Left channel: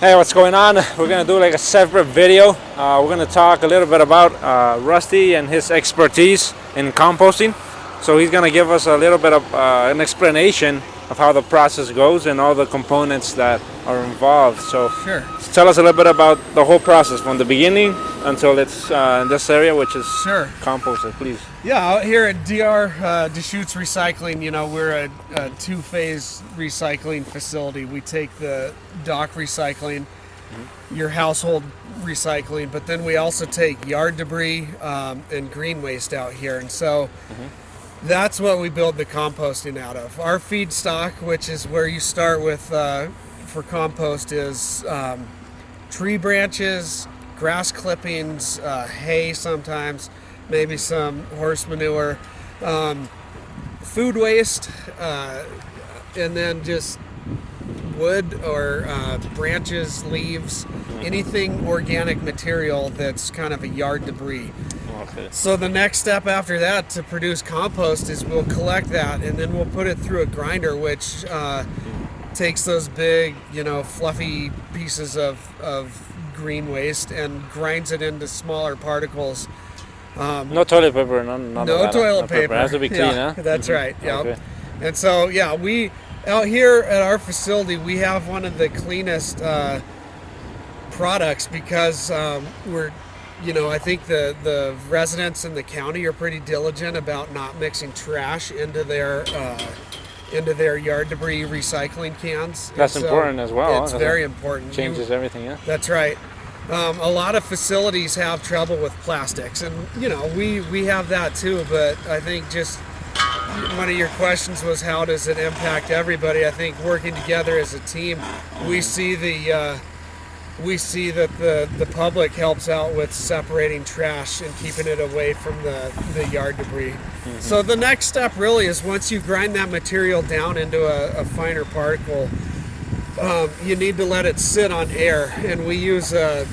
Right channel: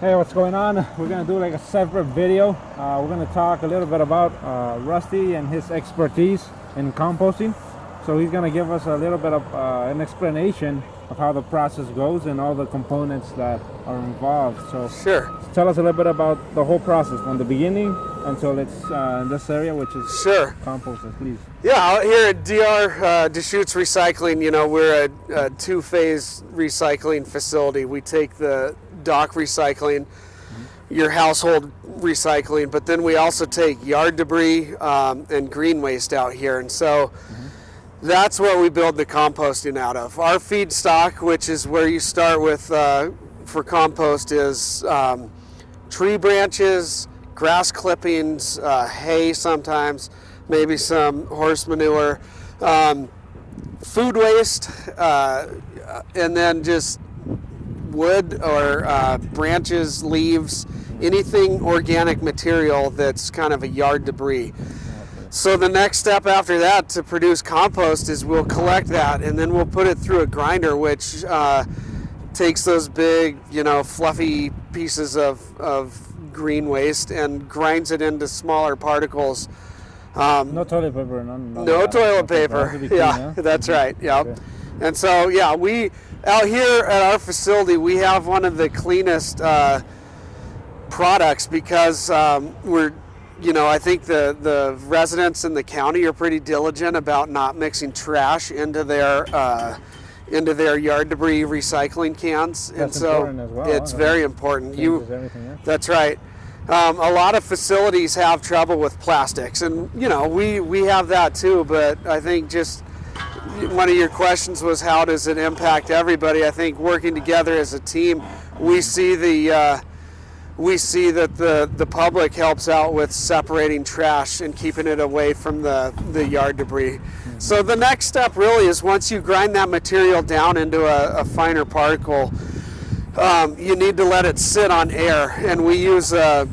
Hey, what's going on? We're gonna do like a separate video. We're gonna talk a little bit about Rusty and his expertise in composting. So he's gonna give us a little bit of an explanation of how the process goes and all the components that are involved. So Sure. tell us a little bit about the whole process from the beginning until it's in this area, which is Sure. composted, please. Yeah, out here at DR Deschutes Recycling, we're a two-phase recycling facility. We take the dock recycling, your household recycling, but then we also take yard debris and green waste out here. And so that's what we build the composting out of. Our feedstock, which is where you start with for compost, is tree branches, grass clippings, hay sometimes, maybe some horse manure, food waste, and then just wood or branches, leaves, anything organic material that's kind of a yard debris. Okay. So the next step after that to produce compost is we'll collect that and then we'll put it through a grinder, which takes those big, fluffy pieces of green waste and grinds it into smaller particles. No toilet paper, no Toilet paper. It has to be clean, Yeah, huh? that's right. Yeah. Okay. And so, we out here at our facility, we have one of the cleanest products because we're, I think the residents in the county are pretty diligent about not mixing trash into their yard debris recycling cans. That's important as well. It's very important. Changes everything, yeah. That's right. A lot of facilities have trouble with plastics, and we have that too. But I think just one of your questions was how does it impact everybody? I think working together as a team, we see that the public helps out with separating trash and keeping it away from the yard debris. So the next step really is once you grind that material down into a finer particle, you need to let it sit on air, and we use a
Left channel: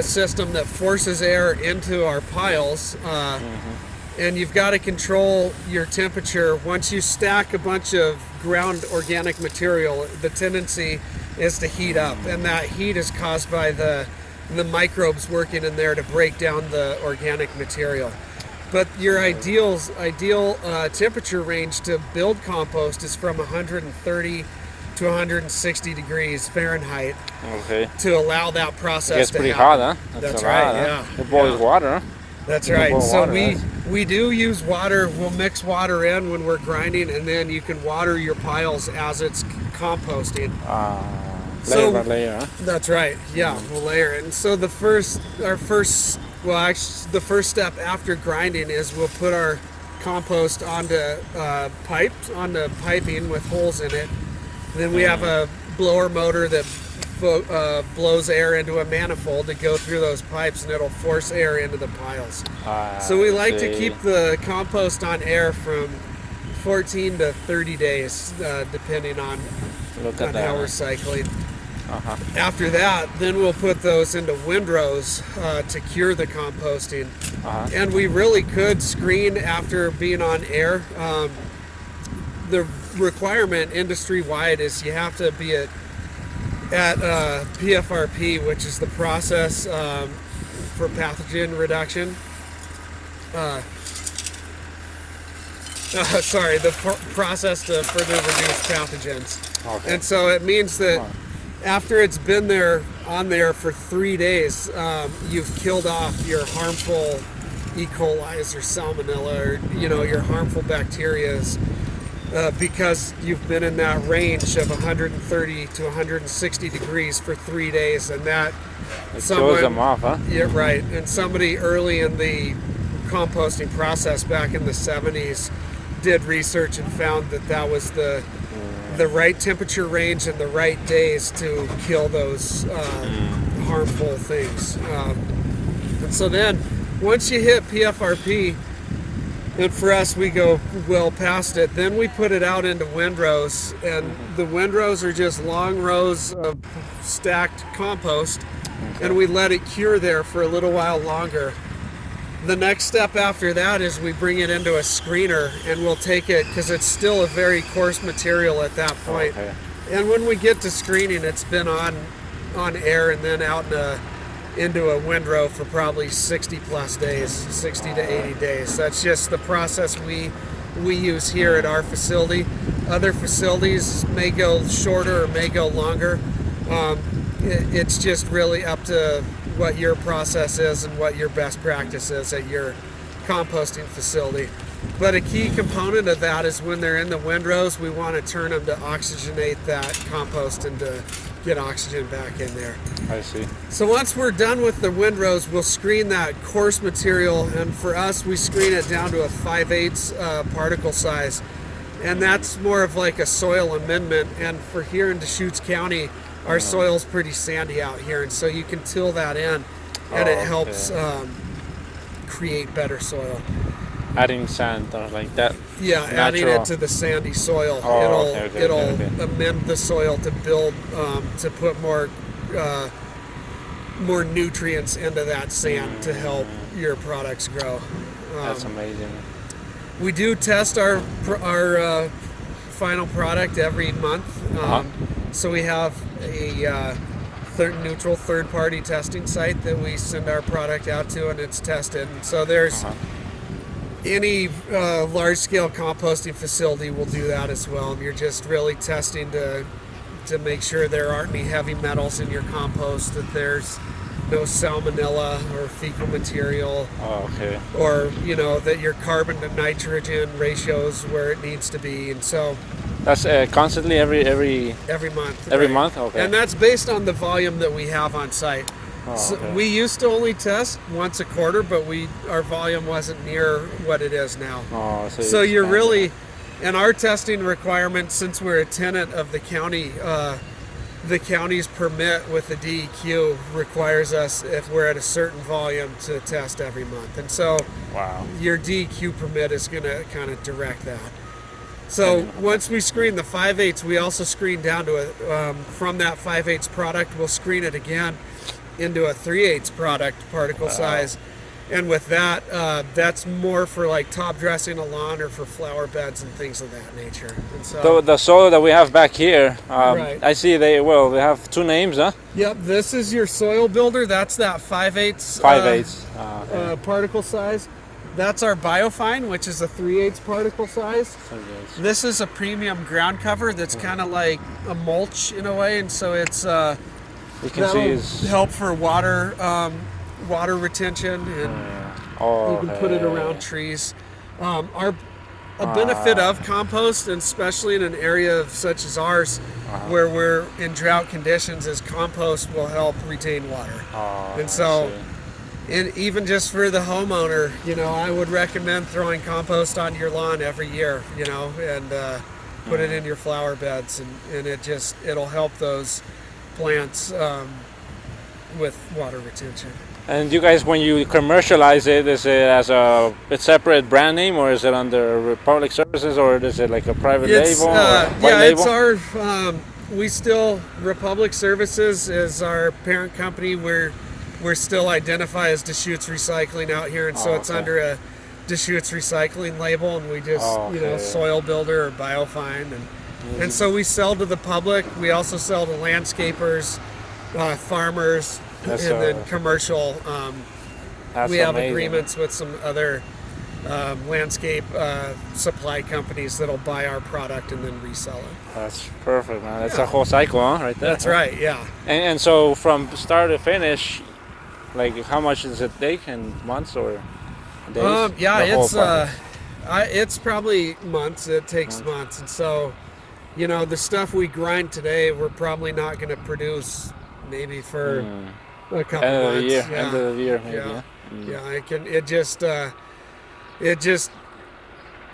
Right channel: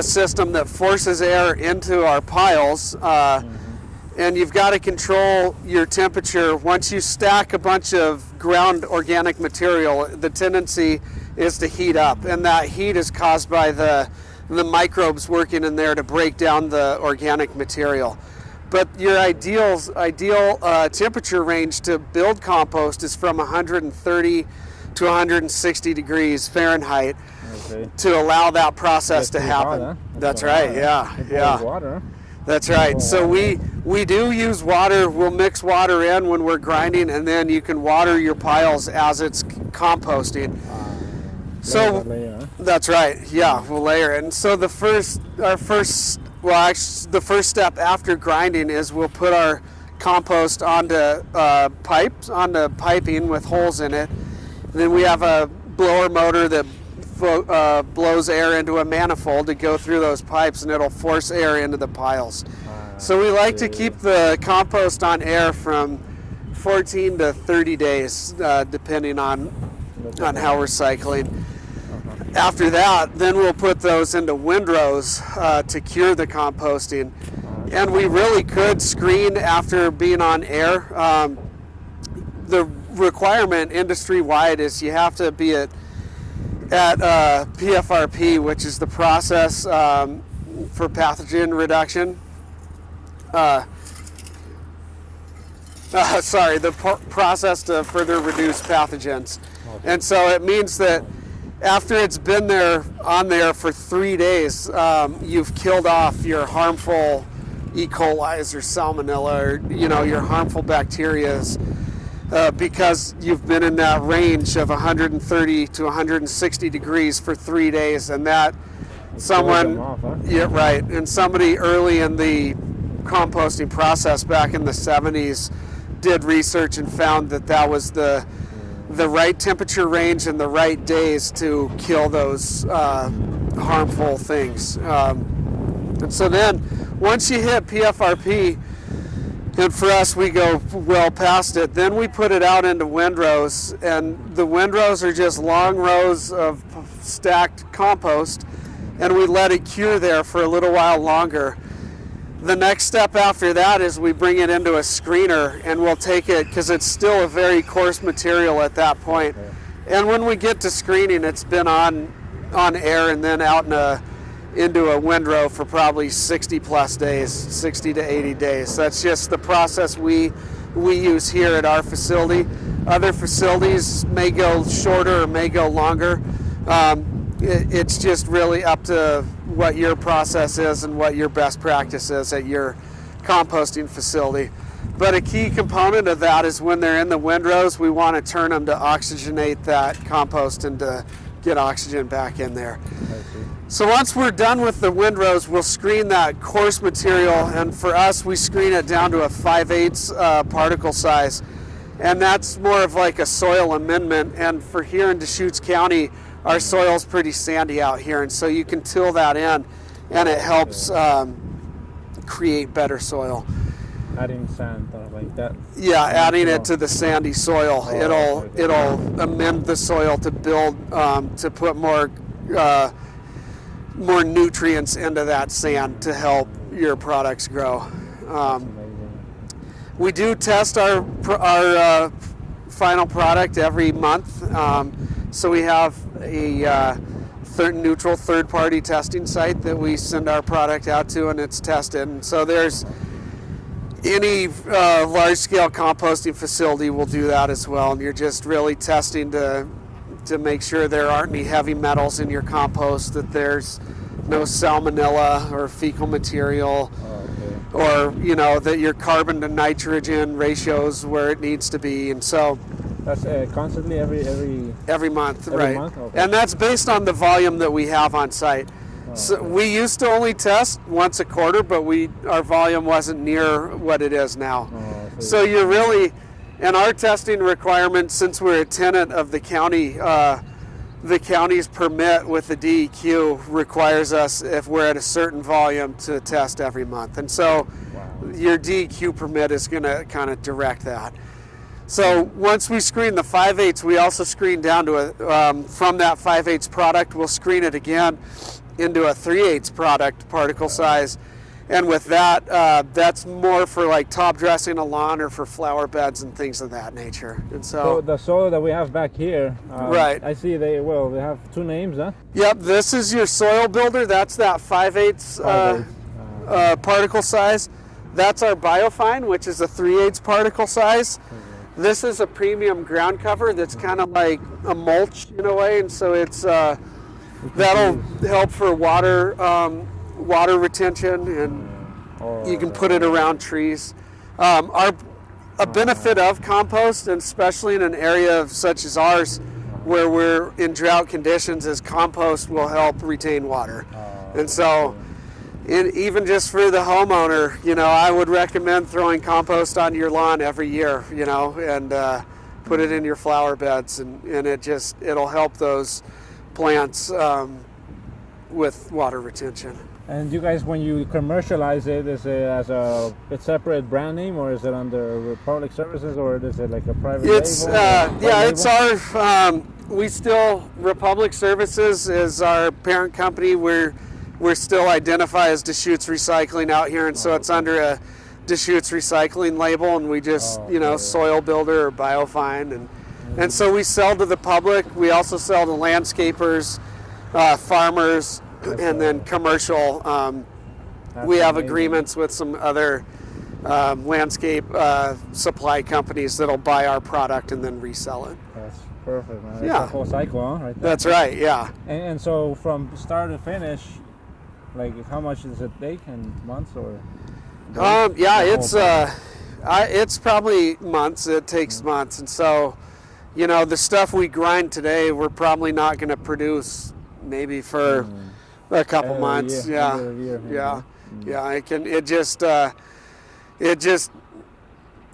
system that forces air into our piles, and you've got to control your temperature. Once you stack a bunch of ground organic material, the tendency is to heat up, and that heat is caused by the microbes working in there to break down the organic material. But your ideal temperature range to build compost is from 130 to 160 degrees Fahrenheit. Okay. To allow that process to pretty happen. hot, huh? That's right. Yeah. It boils water, huh? That's right. Boil So water, we do use water. We'll mix water in when we're grinding, and then you can water your piles as it's composting. Layer by layer, huh? That's right. Yeah, we'll layer it. And so the first step after grinding is we'll put our compost onto piping with holes in it. And then we have a blower motor that blows air into a manifold to go through those pipes, and it'll force air into the piles. So we like to keep the compost on air from 14 to 30 days, depending on how we're cycling. After that, then we'll put those into windrows to cure the composting. And we really could screen after being on air. The requirement industry-wide is you have to be at PFRP, which is the process for pathogen reduction. The process to further reduce pathogens. Okay. And so it means that after it's been on there for 3 days, you've killed off your harmful E. coli or salmonella or your harmful bacterias. Because you've been in that range of 130 to 160 degrees for 3 days, and that Throws them off, huh? Yeah, right. And somebody early in the composting process back in the 70s did research and found that was the right temperature range and the right days to kill those harmful things. And so then, once you hit PFRP, and for us, we go well past it. Then we put it out into windrows, and the windrows are just long rows of stacked compost, and we let it cure there for a little while longer. The next step after that is we bring it into a screener, and we'll take it, because it's still a very coarse material at that point. Okay. And when we get to screening, it's been on on air and then out into a windrow for probably 60 plus days, 60 to 80 days. That's just the process we use here at our facility. Other facilities may go shorter or may go longer. It's just really up to what your process is and what your best practice is at your composting facility. But a key component of that is when they're in the windrows, we want to turn them to oxygenate that compost and to get oxygen back in there. I see. So once we're done with the windrows, we'll screen that coarse material, and for us, we screen it down to a 5/8 particle size. And that's more of like a soil amendment. And for here in Deschutes County, our soil's pretty sandy out here, and so you can till that in, and it helps create better soil. Adding sand or like that. Yeah, Natural. adding it to the sandy soil, it'll okay. amend the soil to build to put more nutrients into that sand to help your products grow. That's amazing. We do test our final product every month, so we have a neutral third-party testing site that we send our product out to, and it's tested. And so there's any large-scale composting facility will do that as well, and you're just really testing to make sure there aren't any heavy metals in your compost, that there's no salmonella or fecal material, or that your carbon to nitrogen ratio's where it needs to be. And so that's constantly every month. Every right. month, okay. And that's based on the volume that we have on site. So okay. we used to only test once a quarter, but our volume wasn't near what it is now. So you're really, in our testing requirements, since we're a tenant of the county, the county's permit with the DEQ requires us, if we're at a certain volume, to test every month. And so your DEQ permit is going to kind of direct that. So once we screen the 5/8, we also screen down to from that 5/8 product, we'll screen it again into a 3/8 product particle size. And with that, that's more for like top dressing a lawn or for flower beds and things of that nature. And so the soil that we have back here, right. I see they have two names, huh? Yep, this is your soil builder. That's that 5/8 particle size. That's our Biofine, which is a 3/8 particle size. This is a premium ground cover that's kind of like a mulch in a way, and so it's that'll help for water retention, and you can put it around trees. A benefit of compost, and especially in an area such as ours, where we're in drought conditions, is compost will help retain water. And so even just for the homeowner, I would recommend throwing compost on your lawn every year, and put it in your flower beds, and it'll help those plants with water retention. And you guys, when you commercialize it, is it as a separate brand name, or is it under Republic Services, or is it like a private label? It's our. Republic Services is our parent company. We're still identified as Deschutes Recycling out here, and so it's under a Deschutes Recycling label, and we just Soil Builder or Biofine, and so we sell to the public. We also sell to landscapers, farmers. And then commercial, we have agreements with some other landscape supply companies that'll buy our product and then resell it. That's perfect, man. That's a whole cycle, huh? Right there. That's right, yeah. And so from start to finish, like how much does it take in months or days? It's probably months. It takes months, and so the stuff we grind today, we're probably not going to produce maybe for a couple months. End of the year, maybe.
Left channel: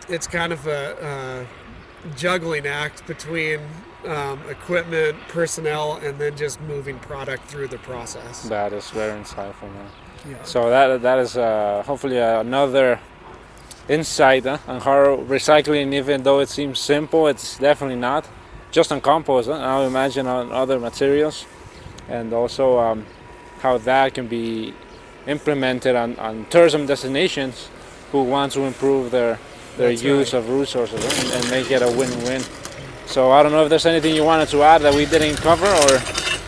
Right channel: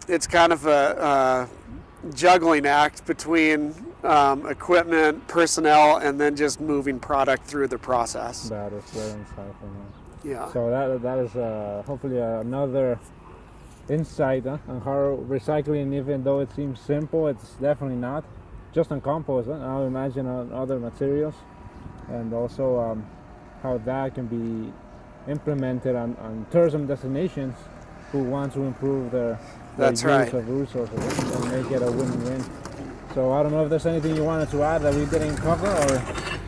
It's kind of a juggling act between equipment, personnel, and then just moving product through the process. That is very insightful, man. Yeah. So that is hopefully another insight on how recycling, even though it seems simple, it's definitely not. Just on compost, I would imagine on other materials, and also how that can be implemented on tourism destinations who want to improve their use of resources and make it a win-win. So I don't know if there's anything you wanted to add that we didn't cover, or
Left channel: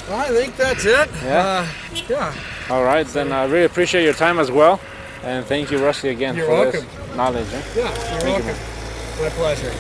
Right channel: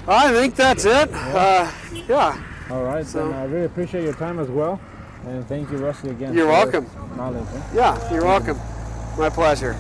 I think that's it. Yeah. Yeah. All right, then I really appreciate your time as well. And thank you, Rusty, again. You're for welcome. this knowledge. Eh? Yeah, you're welcome. My pleasure.